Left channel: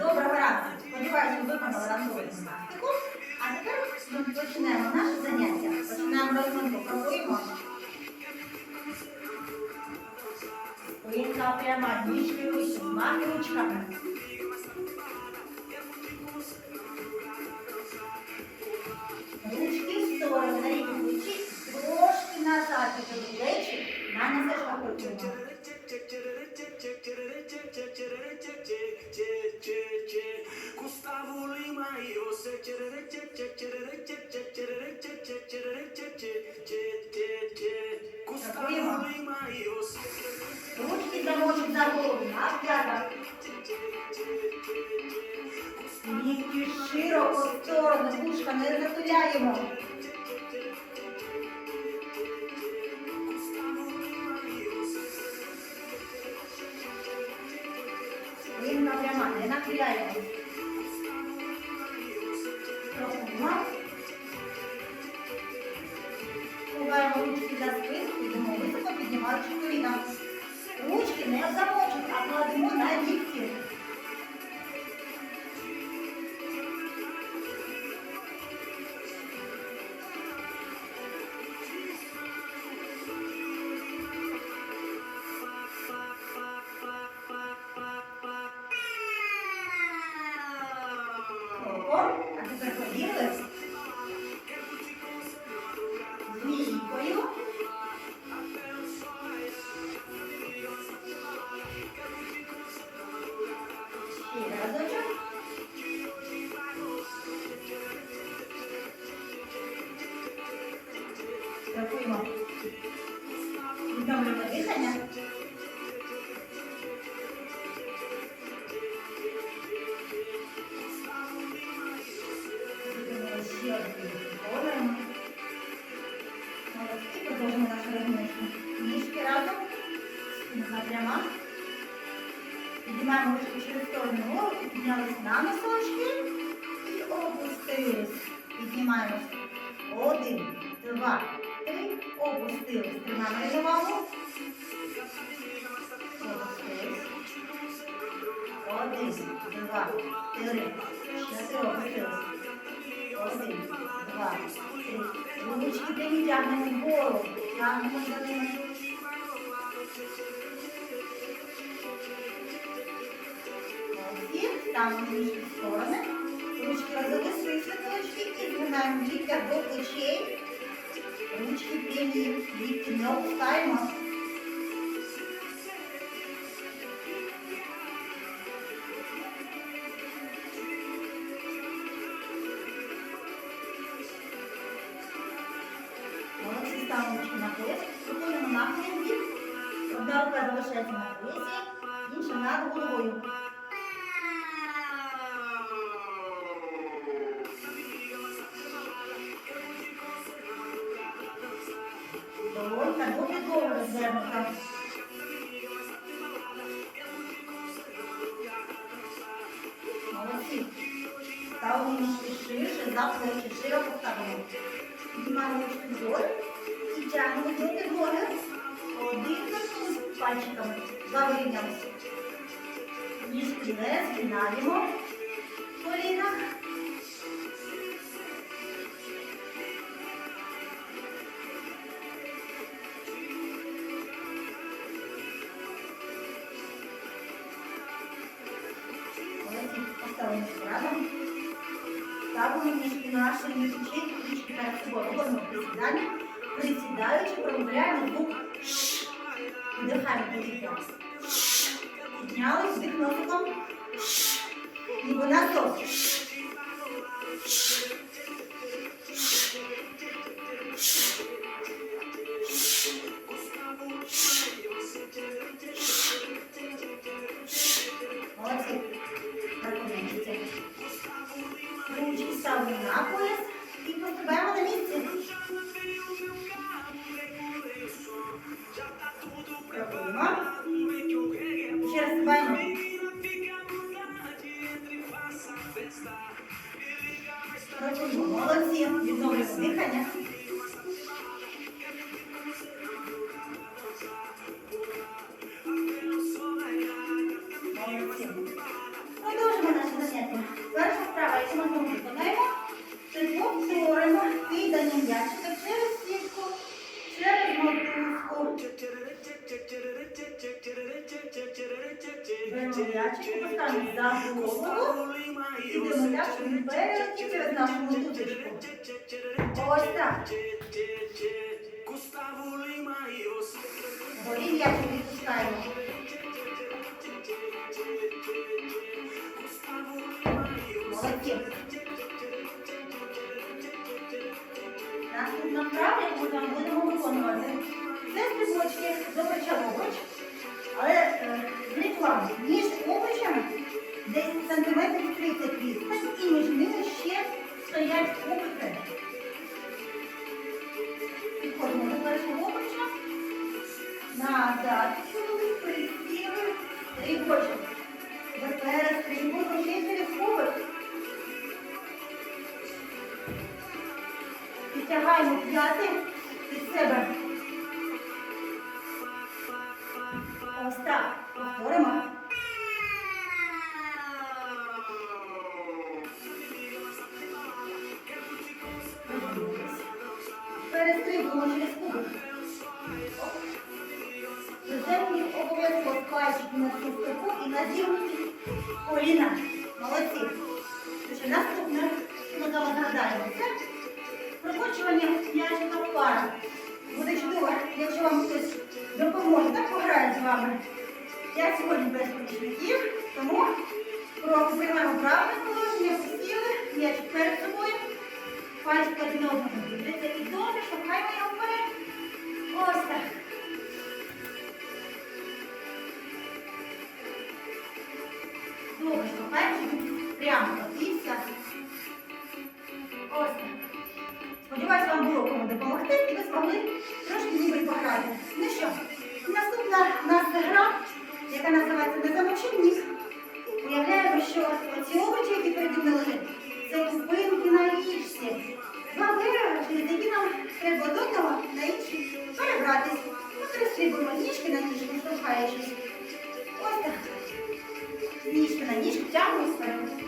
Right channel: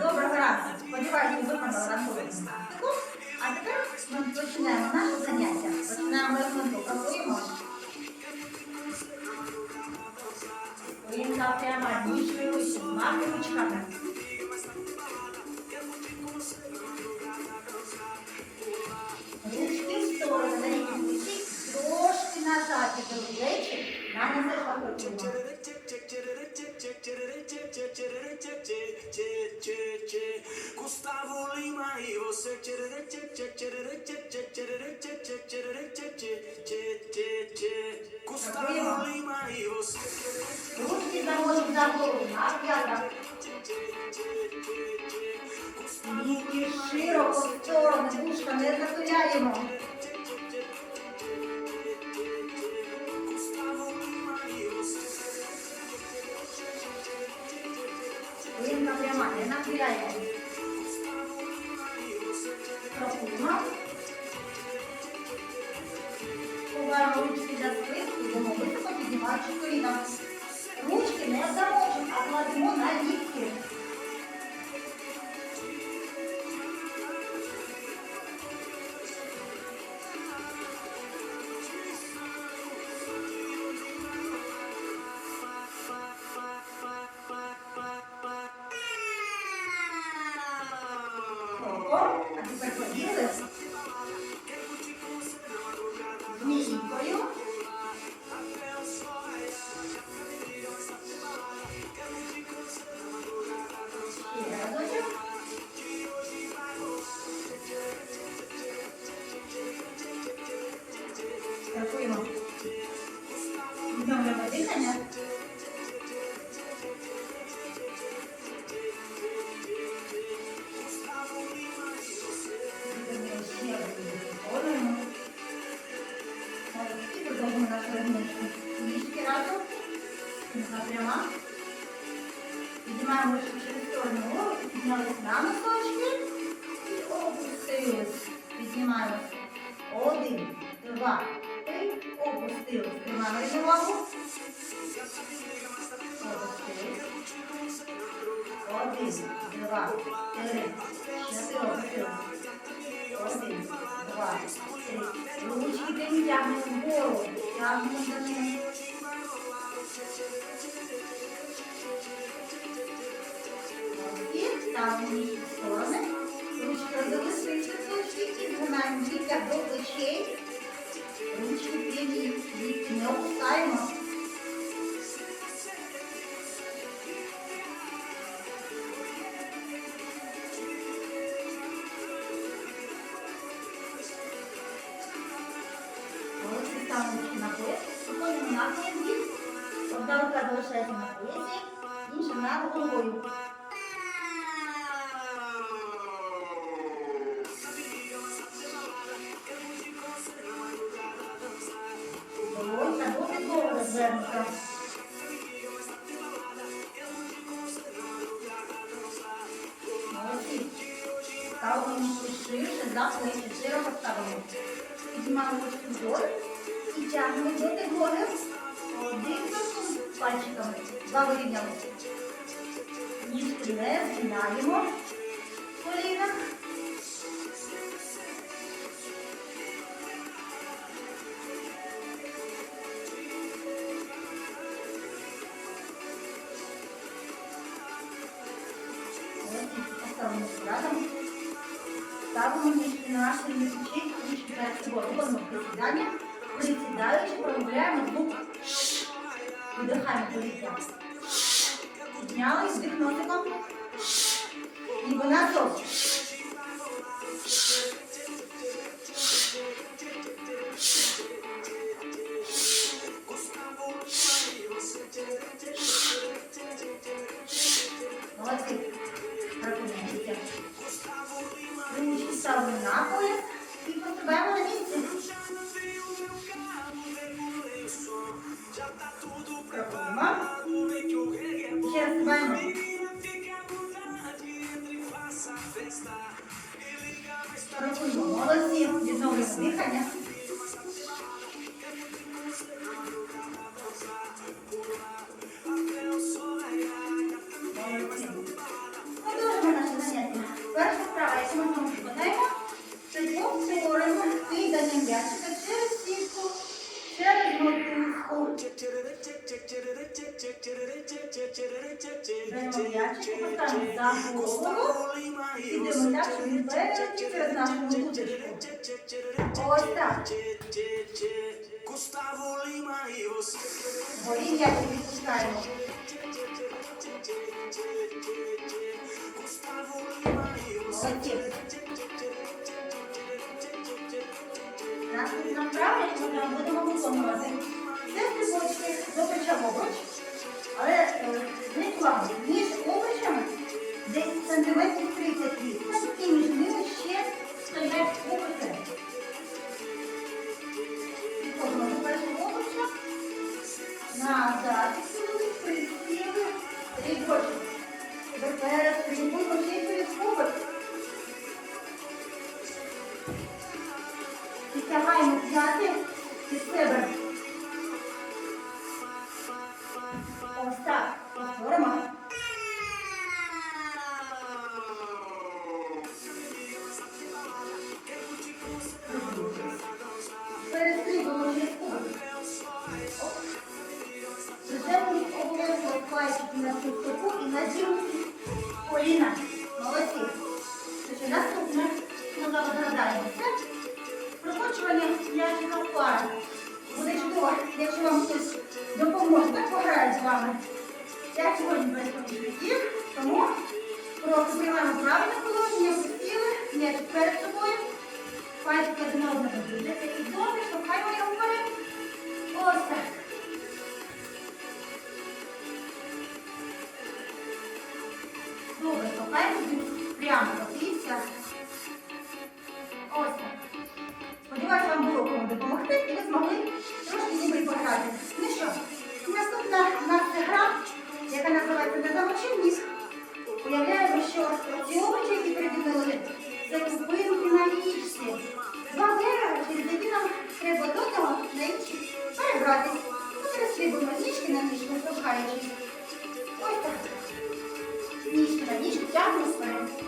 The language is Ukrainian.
Доброго ранку. Сподіваюся, ви виконали ранкову. А тепер ми починаємо наше заняття. Починаємо розминку. Крокуємо. Колінка прямо, ніжки вище, змахи ручками. Ручки в сторони, на рівні плечі, трошки назад, тепер плечі, на не крокуємо. Gustavo Lima e você Gustavo Lima e você Ручки замочок за голову, на п'ятах. Лікті широко в сторони, вушка не захиляємо. Пряма, не нахиляємо. Крокуємо. Ховаємо ручки за спинку, йдемо піднімаючи коліна. Ручки не в замочок, а кладемо на лікті. Кроком, а тепер Спинка пряма. Піднімаємо ручки через сторону голову, піднялись на носочки і опустились. Піднімаємось. Один, два, три. Опустились. Тримаємо рівновагу. Опустились. Один, два, три, чотири. Опустились. Один, два, три. Ручки тягнемо вгору. Тягнемо за ними. Ніжки в сторони. Ручки розвели свої цвіточки і згинаємо ліктя до плечей. Ручки прямі, лікті не опускаємо. Молодці, ставимо ручки на пояс. Виконуємо нахилом бік. Одна на поясі. Розвернута. Молодці. Ставимо ніжки ширше, за плечі, широко ставимо. Піднімаємо ручки вгору і тягнемо до підлоги. Корпус пальчиками. Завирівнялися. Ніжки не згинаємо в колінах. Поставимо разом. Ставимо ніжки на ширині плечей, ручки перед собою. Робимо присідання. Присідаючи, промовляємо звук «ш». Видихаємо повітря. Піднялись, вдих носиком. Ніби насос. Молодці. Ножичку поставимо за голову. Ідемо так, щоб перелетів через нашу мотузочку. Ось так. Você. Голів'я відпускаємо. Молодці. Наступна вправа, яку ми будемо виконувати. Це стрибочки до плеча. Але е, зверніть між обручами десь сантиметрів 30 відстань і між ними ще стоять обручі. Підходимо до першого обруча. Назад відсунули, присіли, стрибочок. Тепер стрибуємо ще через обруч. Підтягаємо п'яти під себе. Приземлюють обов'язково пальчики на стопу і на зігнуті коліна. Молодці. Тож наступне, що ми зараз нагадаємо, це прокочування м'ячика в парах. Буде чудово, якщо вам хтось допоможе, так пограє з вами. Я сьогодні без помічників, тому приймаємо правильне положення, посіли, м'ячик перед собою, пальчики один одного дивляться і добре, штовхаємо його вперед. Ось так. Добре, штовхаємо, прямо котився. Ось так. Сподіваюся, вам було кому допомогти і ви змогли трошки ніби пограти. Ну що, наступна у нас гра, яка називається «Не замочи ніг». Уявляємо, що ці обручі, які переді мною це купинки на річці. Два берега, через які нам треба з одного на інший перебратись. Ми перестрибуємо ніжки на ніжку, штовхаючись. Ось так. Ніжки на ніжку, тягнемо вперед.